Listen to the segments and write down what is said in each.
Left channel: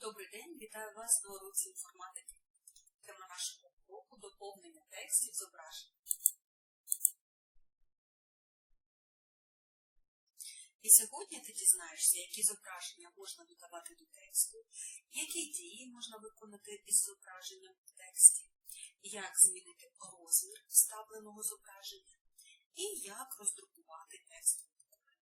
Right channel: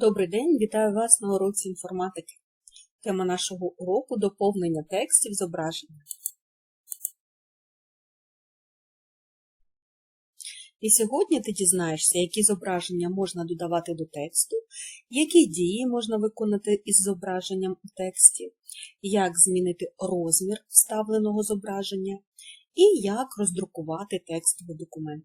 Добрий день, вітаю вас на уроці інформатики. Тема нашого уроку доповнення текстів зображення. І сьогодні ти дізнаєшся, які зображення можна додавати до тексту, які дії можна виконати із зображенням у тексті, як змінити розмір вставленого зображення і як роздрукувати текстовий документ.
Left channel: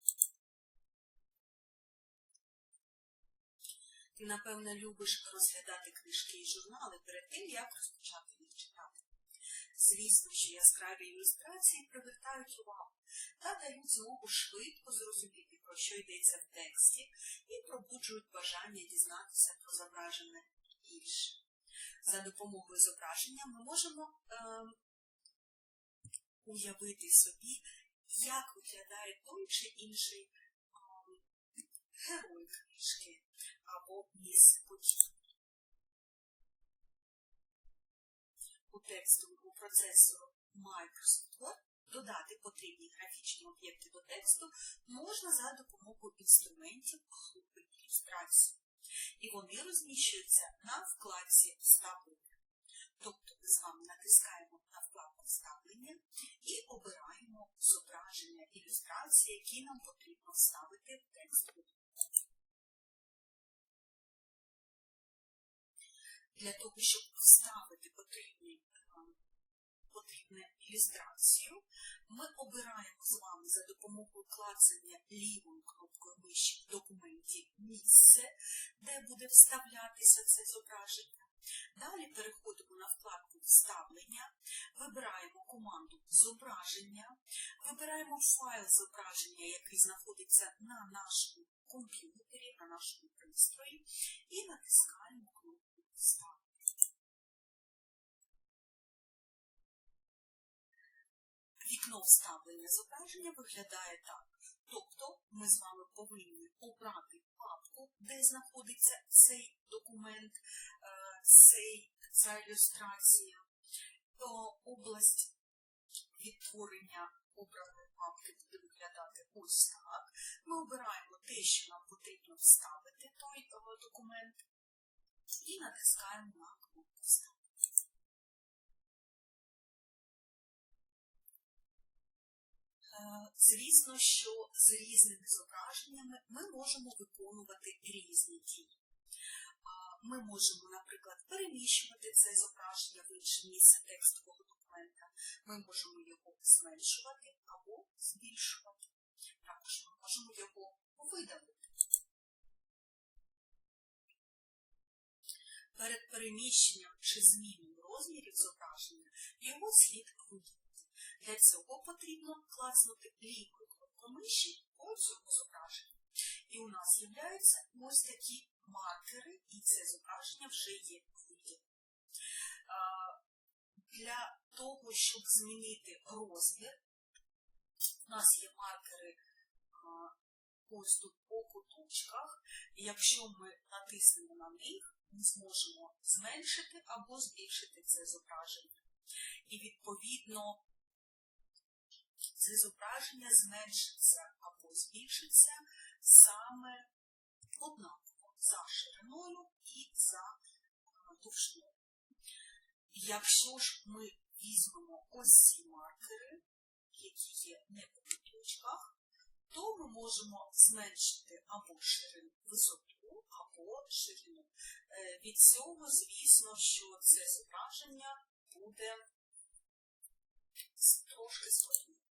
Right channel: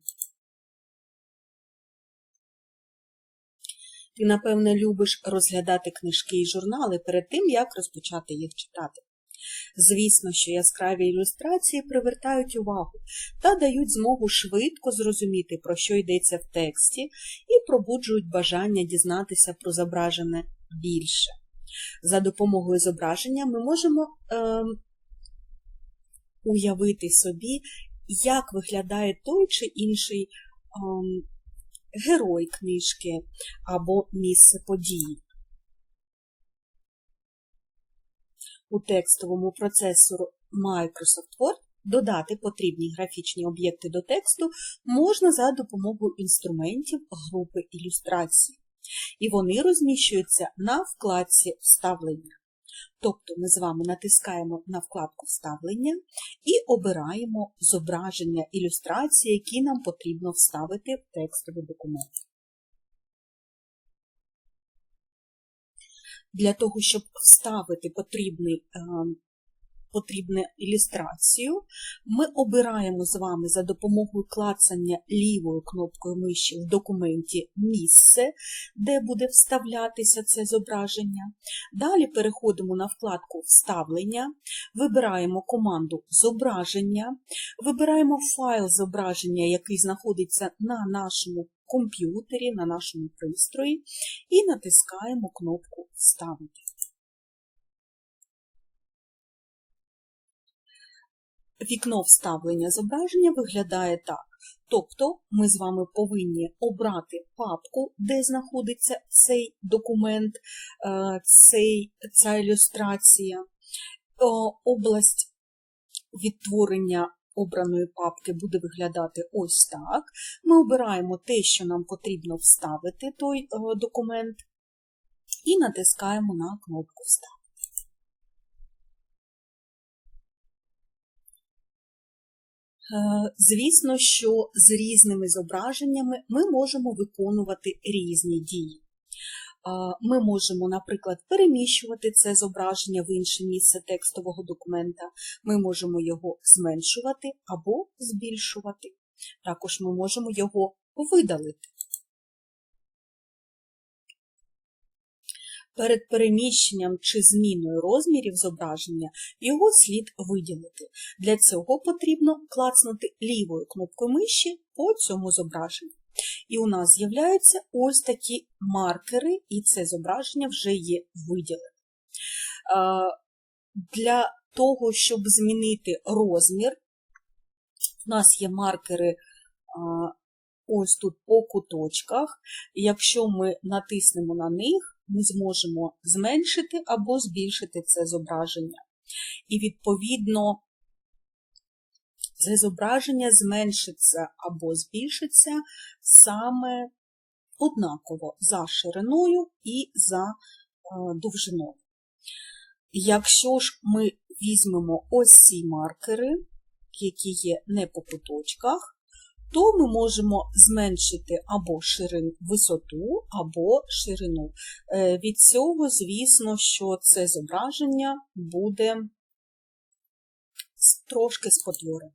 Ти, напевне, любиш розглядати книжки і журнали перед тим, як розпочати їх читати. Звісно, що яскраві ілюстрації привертають увагу та дають змогу швидко зрозуміти, про що йдеться в тексті, і пробуджують бажання дізнатися про зображене більше. За допомогою зображення ми можемо е, уявити собі, як виглядає той чи інший. Е, герой книжки або місце події. У текстовому процесору Microsoft Word додати потрібні графічні об'єкти до тексту можна за допомогою інструментів групи ілюстрації, і вони розміщуються на вкладці Вставлення. Тобто ми з вами натискаємо на вкладку Вставлення і обираємо зображення ілюстрації, які нам потрібно вставити в текстовий документ. Для того, щоб вставити потрібний потрібну ілюстрацію, ми обираємо з вами за допомогою клацання лівою кнопкою миші в документі місце, де буде вставлятися це зображення. Далі переходимо на вкладку Вставлення, вибираємо команду Зображення, вибираємо файл зображення, який знаходиться на нашому комп'ютері, на нашому пристрої, і натискаємо кнопку Вставити. Вікно вставлення зображення виглядає так. Тобто ми з вами повинні обрати папку, де знаходиться цей документ, е, цей, ця ілюстрація. Область відтворення обраної папки буде виглядати ось так. Ми обираємо те, що нам потрібно вставити той е, документ, і натискаємо на кнопку Вставити. Звісно, що з різними зображеннями ми можемо виконувати різні дії. Е, ми можемо, наприклад, переміщувати це зображення в інше місце текстового документа, ми можемо його зменшувати або збільшувати. Також ми можемо його видалити. Перед переміщенням чи зміною розмірів зображення його слід виділити. Для цього потрібно клацнути лівою кнопкою миші по цьому зображенню. І у нас з'являються ось такі маркери, і це зображення вже є виділене. Для того, щоб змінити розмір, у нас є маркери ось тут по куточках. Якщо ми натиснемо на них, ми зможемо зменшити або збільшити це зображення. І, відповідно, це зображення зменшиться або збільшиться саме однаково за шириною і за е, довжиною. Якщо ж ми візьмемо ось ці маркери, які є не по куточках, то ми можемо зменшити або ширину, висоту, або ширину. Е, від цього, звісно, що це зображення буде трошки спотворене.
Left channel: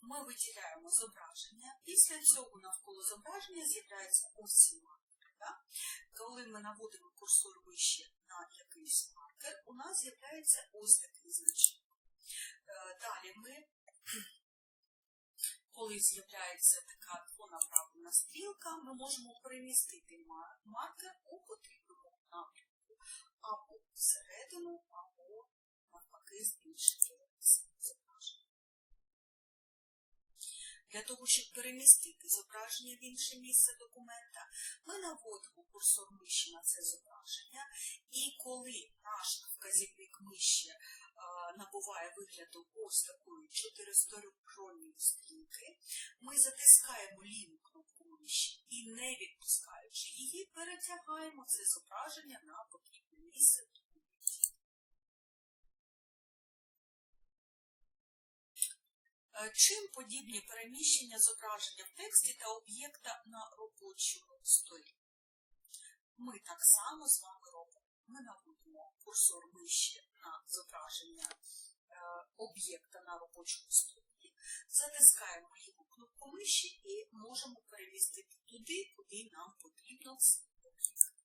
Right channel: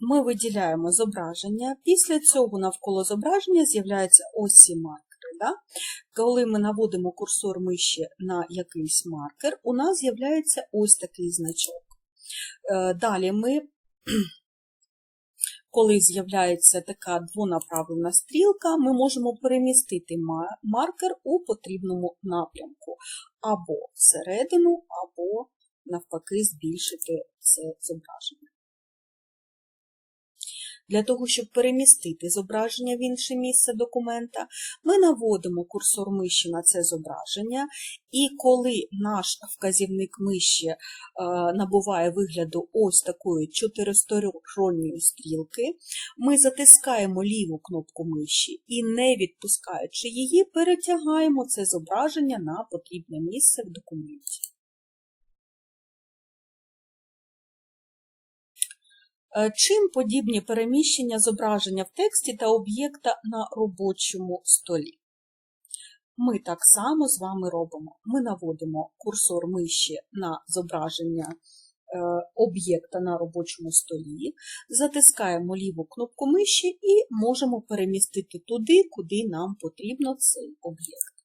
Ми виділяємо зображення, після цього навколо зображення з'являються ось ці маркери. Да? Коли ми наводимо курсор миші на якийсь маркер, у нас з'являється ось такий значок. Е, далі ми, коли з'являється така двонаправлена стрілка, ми можемо перемістити маркер у потрібному напрямку, або всередину, або, навпаки, збільшити це зображення. Для того, щоб перемістити зображення в інше місце документа, ми наводимо курсор миші на це зображення, і коли наш вказівник миші е, набуває вигляду ось такої чотиристоронньої стрілки, ми затискаємо ліву кнопку миші і, не відпускаючи її, перетягаємо це зображення на потрібне місце в документі. Чим подібні переміщення зображення в тексті та об'єкта на робочому столі? Ми так само з вами робимо. Ми наводимо курсор миші на зображення е, об'єкта на робочому столі, затискаємо ліву кнопку миші і можемо перемістити туди, куди нам потрібно цей об'єкт.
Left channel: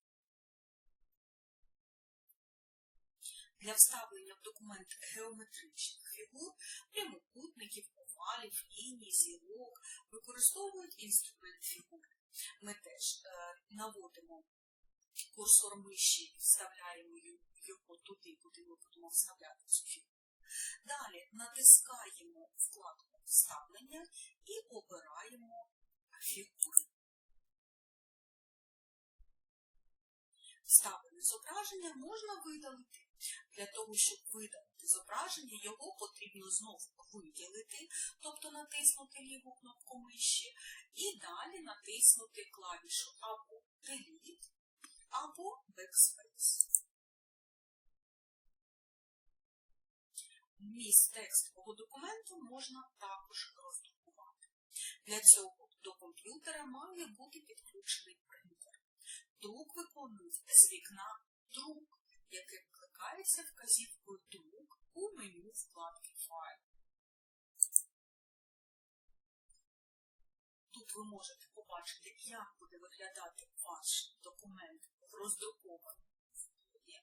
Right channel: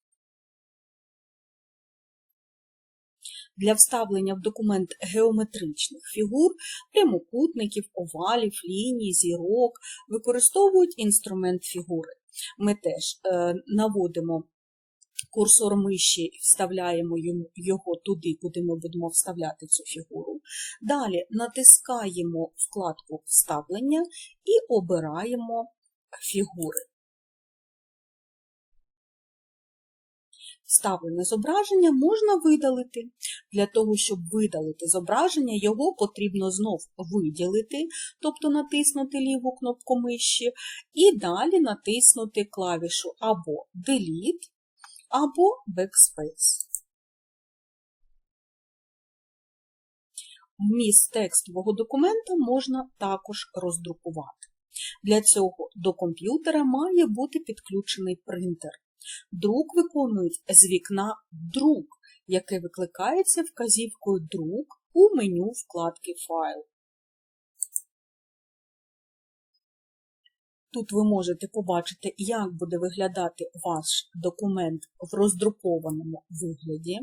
Для вставлення в документ геометричних фігур, прямокутників, овалів, ліній, зірок використовують інструмент фігури. Ми теж е, наводимо курсор миші і вставляємо його туди, куди ми будемо вставляти цю фігуру. Далі натискаємо вкладку Вставлення і обираємо фігури. Вставлене зображення можна видалити. Для того, щоб видалити зображення, його потрібно знов виділити, тобто натиснути ліву кнопку миші, і далі натиснути клавішу або Delete, або Backspace. Вміст текстового документа можна також роздрукувати. Для цього до комп'ютера має бути підключений принтер. Друк виконують з вікна Друк, яке викликається вказівкою Друк у меню вкладки Файл. Тут ви можете побачити, як буде виглядати ваш документ в роздрукованому вигляді.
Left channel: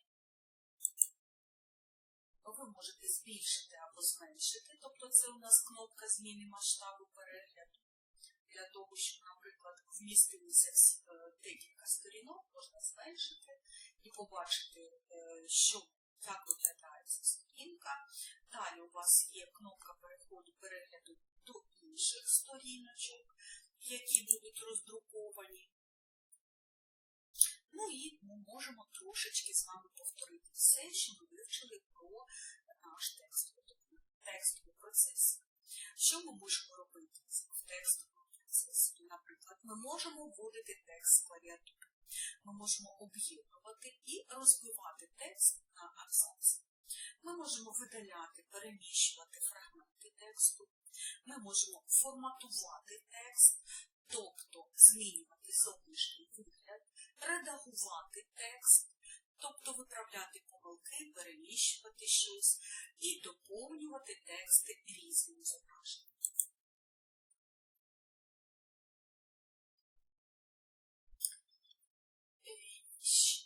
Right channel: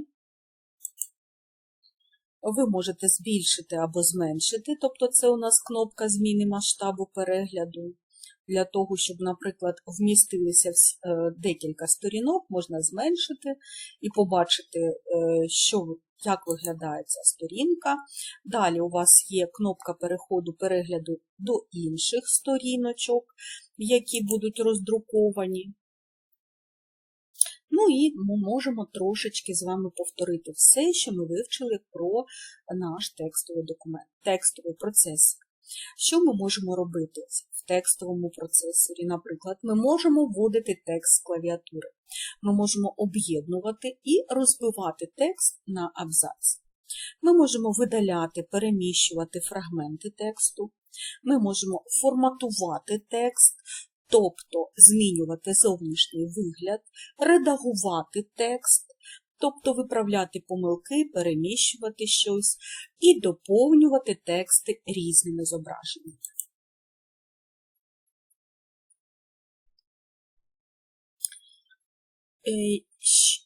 Ви можете збільшити або зменшити, тобто це у нас кнопка зміни масштабу перегляду. Для того, щоб, наприклад, вмістилися е, декілька сторінок, можна зменшити і побачити, е, що, як виглядає ця сторінка. Далі у вас є кнопка переходу перегляду до інших сторіночок, які будуть роздруковані. Ну і ми можемо трошечки з вами повторити все, що ми вивчили про наш текстовий документ, текстовий процес. Що ми можемо робити текстовому процесорі? Наприклад, ми можемо вводити текст з клавіатури. Ми можемо об'єднувати і розбивати текст на абзаці. Ми можемо видаляти, переміщувати фрагменти тексту. Ми можемо форматувати текст, тобто змінювати зовнішній вигляд, редагувати текст, тобто виправляти помилки, переміщувати щось і доповнювати тексти різними зображеннями.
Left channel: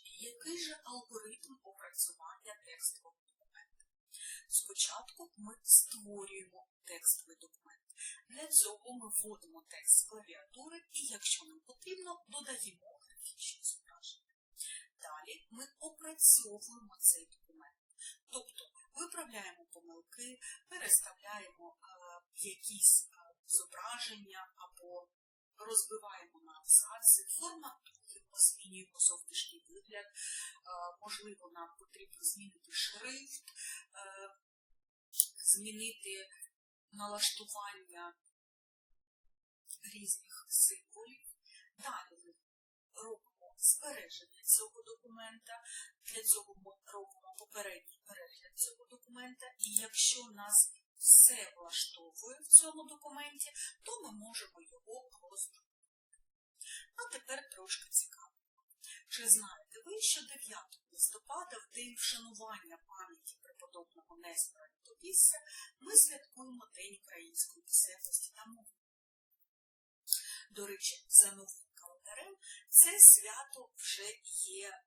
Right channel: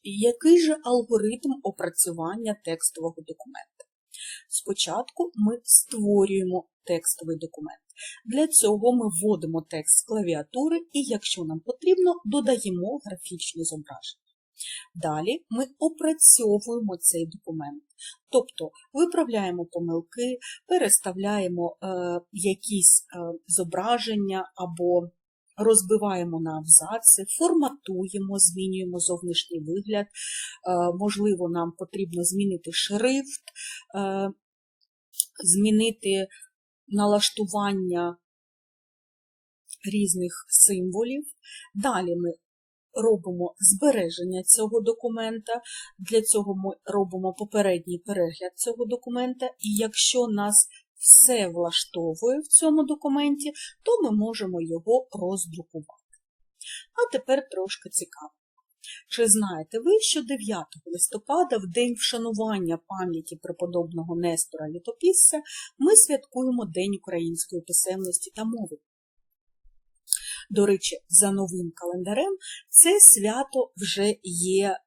Який же алгоритм опрацювання текстового документа? Спочатку ми створюємо текстовий документ. Для цього ми вводимо текст з клавіатури і, якщо нам потрібно, додаємо графічні зображення. Далі ми опрацьовуємо цей документ, тобто виправляємо помилки, переставляємо е, якісь е, зображення або розбиваємо на абзаци, форматуємо, змінюємо зовнішній вигляд. Е, можливо, нам потрібно змінити шрифт, е, змінити налаштування різних символів. Далі ми робимо збереження цього документа. Для цього ми робимо попередній перегляд цього документа, і якщо нас все влаштовує в цьому документі, то ми можемо його роздрукувати. А тепер трошки цікаво. Чи знаєте ви, що 9 листопада, в день вшанування пам'яті преподобного Нестора Літописця, ми святкуємо День української писемності та мови? До речі, за новим календарем це свято вже є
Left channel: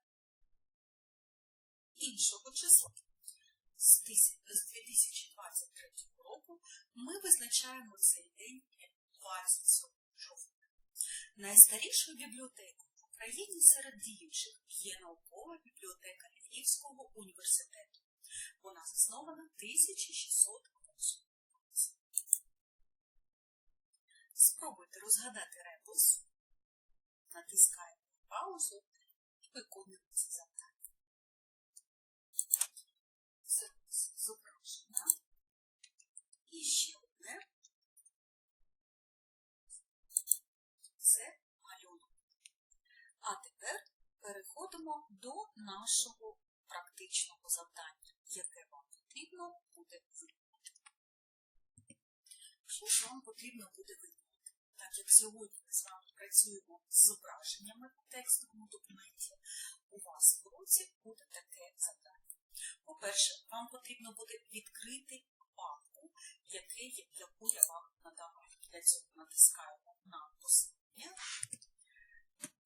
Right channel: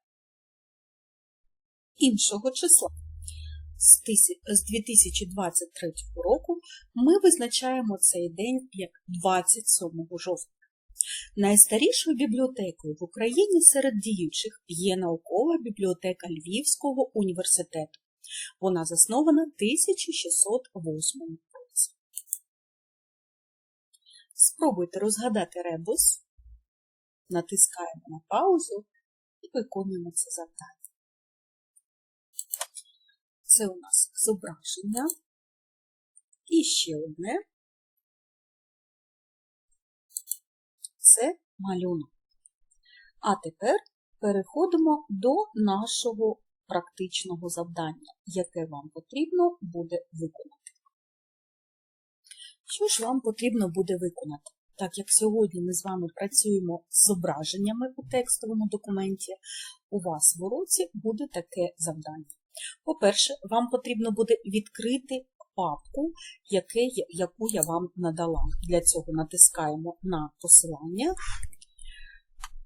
іншого числа. З 2023 року ми визначаємо цей день як 27 жовтня. Найстарішою бібліотекою в Україні серед діючих є наукова бібліотека Львівського університету. Вона заснована 1608 році. Спробуйте розгадати ребус, натискаємо на паузу і виконуємо це завдання. Це у нас зображення. І ще одне це малюнок. А тепер переходимо до нашого практичного завдання, яке вам потрібно буде виконати. Що ж вам потрібно буде виконати? Так як сьогодні ми з вами працюємо з зображеннями у текстовому документі, у вас в уроці буде таке завдання. По-перше, вам потрібно буде відкрити папку, яку я вам надала. Для цього натискаємо на посилання.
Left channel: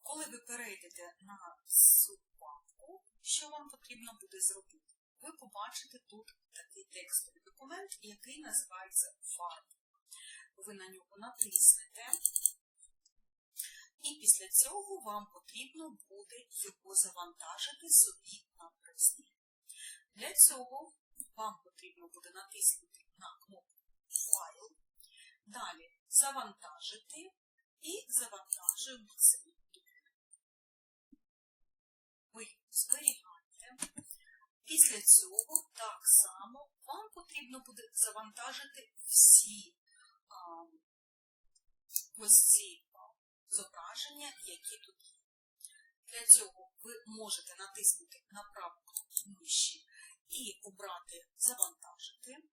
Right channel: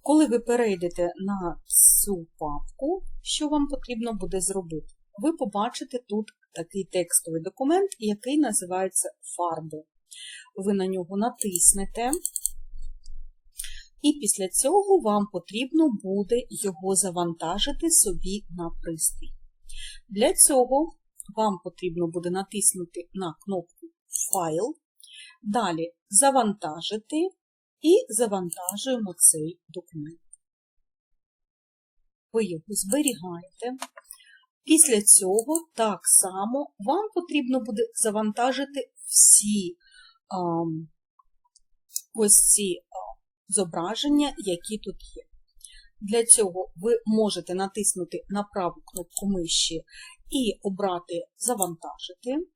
Коли ви перейдете на цю папку, що вам потрібно буде зробити? Ви побачите тут такий текстовий документ, який називається фарби. Ви на нього натиснете, і після цього вам потрібно буде його завантажити собі на пристрій. Для цього вам потрібно буде натиснути на кнопку Файл, далі завантажити і завантажуємо цей документ. Ви його зберігаєте. Після цього так само вам потрібно буде завантажити всі а, ось ці а, зображення, які тут є. Для цього ви можете натиснути на праву кнопку миші і обрати Завантажити.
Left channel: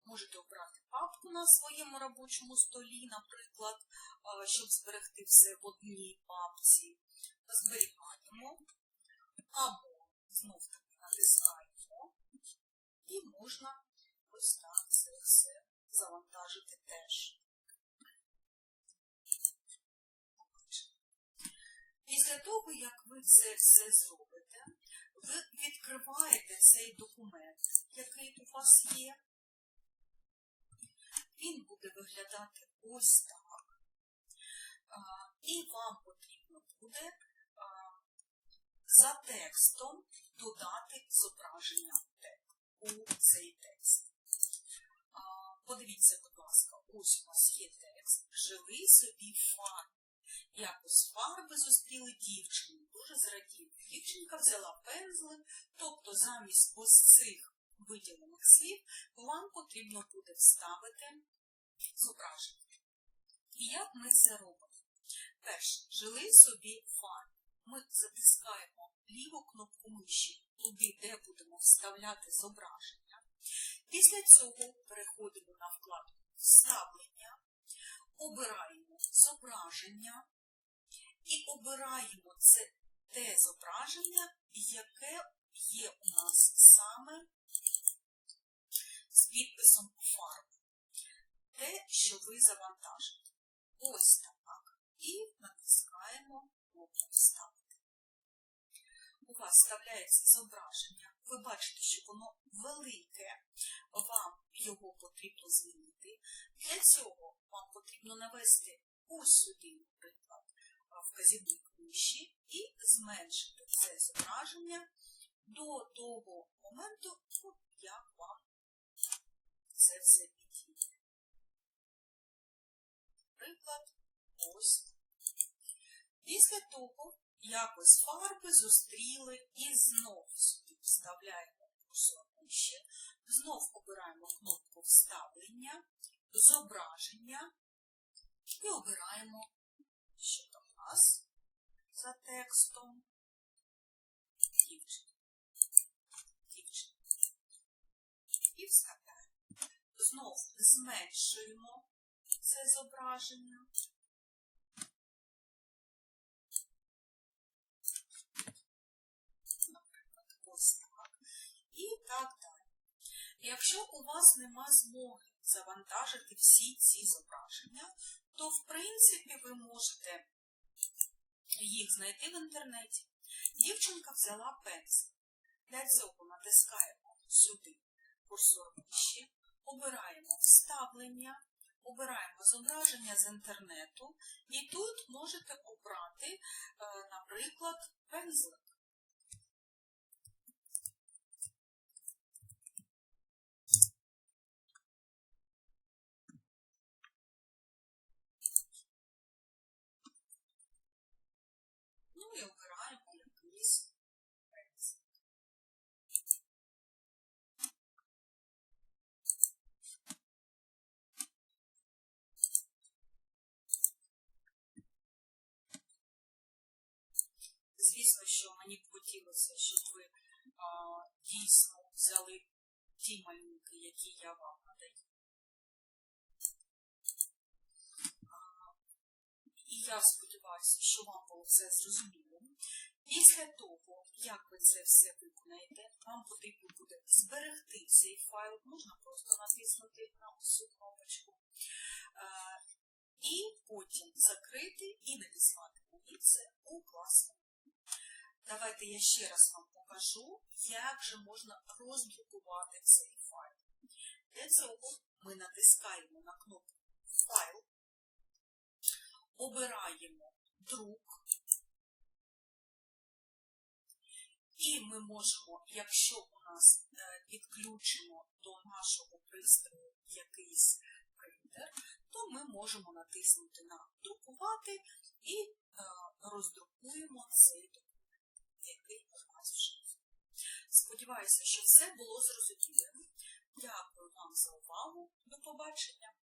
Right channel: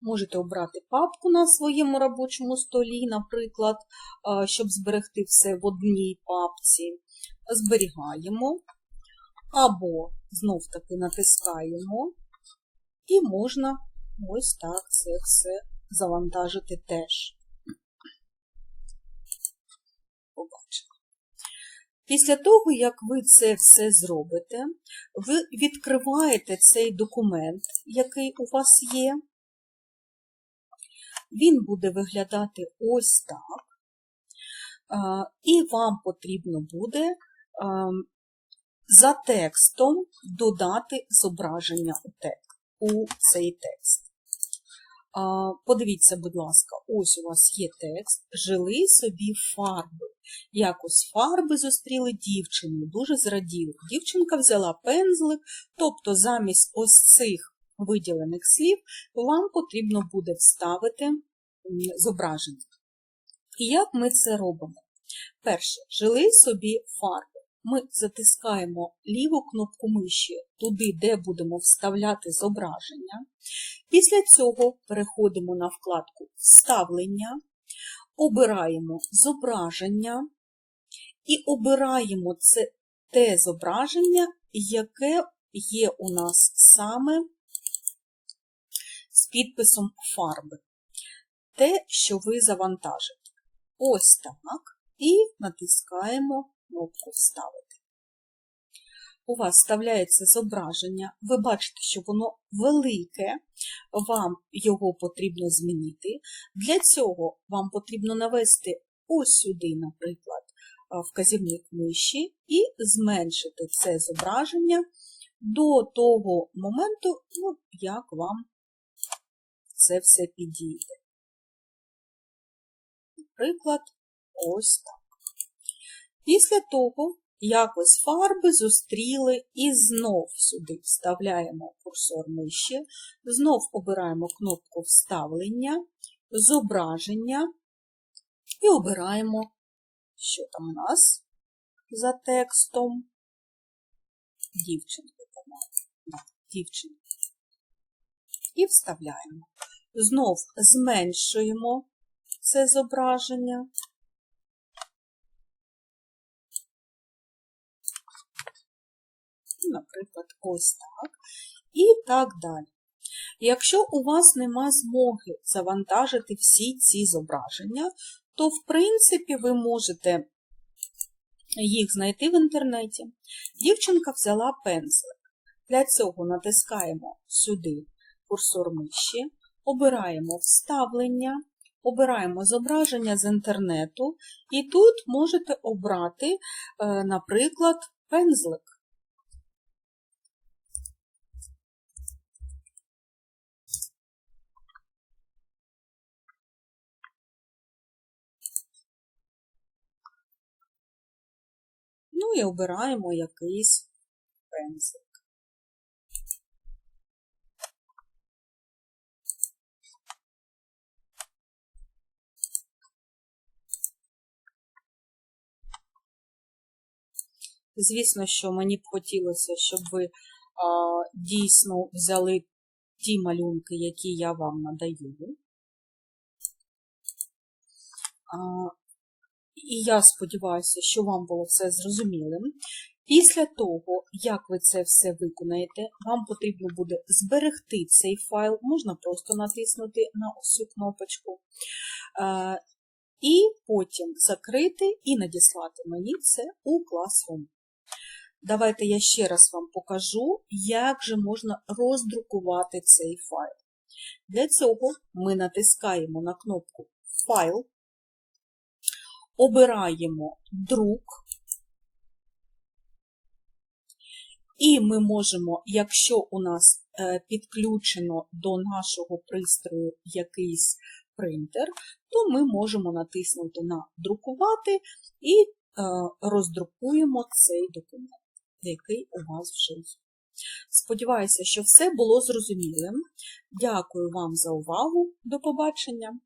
Можете обрати папку на своєму робочому столі, наприклад, щоб зберегти все в одній папці. Зберігаємо, або знов-таки натискаємо, і можна ось так це все завантажити теж. Після того, як ви це все зробите, ви відкриваєте цей документ, який у вас є. Він буде виглядати ось так. І вам потрібно буде за текстом додати зображення у цей текст. Подивіться, будь ласка, ось у вас є текст, жили собі фарби. Якось фарби зустріли дівчину, дуже зраділи. Дівчинка взяла пензлик, тобто замість ось цих виділених слів вам потрібно буде вставити зображення. І як ми це робимо? Перше, жили собі фарби ми затискаємо ліву кнопку миші туди, де будемо вставляти зображення. Після цього переходимо на вкладку Вставлення, обираємо зображення і обираємо це те зображення, яке є у нас саме з підписом фарби. Те, що ви завантажите. Ось так. І натискаємо кнопку Вставити. У вас вставляється зображення, ви бачите, що воно велике, вам його потрібно змінити. Для цього вам потрібно навести ось сюди, наприклад, вказівник миші, і зменшити це зображення до того моменту, ну, як вам це все підійде. Наприклад, ось так. Після того якось фарби зустріли і знов сюди вставляємо курсор миші, знов обираємо кнопку Вставлення, зображення і обираємо, що там у нас за текстом. Дівчинка, так, дівчинка. І вставляємо. Знов зменшуємо це зображення. Наприклад, ось так. І так далі. Якщо у вас нема змоги завантажити всі ці зображення, то, в принципі, ви можете їх знайти в інтернеті. Дівчинка взяла пензлик. Для цього натискаємо сюди курсор миші, обираємо вставлення, обираємо зображення з інтернету, і тут можете обрати, е, наприклад, пензлик. І обираємо якийсь пензлик. Звісно, що мені б хотілося, щоб ви а, дійсно взяли ті малюнки, які я вам надаю. І я сподіваюся, що вам було все зрозумілим. Після того, як ви це все виконаєте, вам потрібно буде зберегти цей файл, можна просто натиснути на цю кнопочку, е, і потім закрити і надіслати мені це у Classroom. Давайте я ще раз вам покажу, як же можна роздрукувати цей файл. Для цього ми натискаємо на кнопку Файл, обираємо друк, і ми можемо, якщо у нас е, підключено до нашого пристрою якийсь принтер, то ми можемо натиснути на Друкувати і е, роздрукуємо цей документ, який у вас вже є. Сподіваюся, що все було зрозумілим. Дякую вам за увагу. До побачення!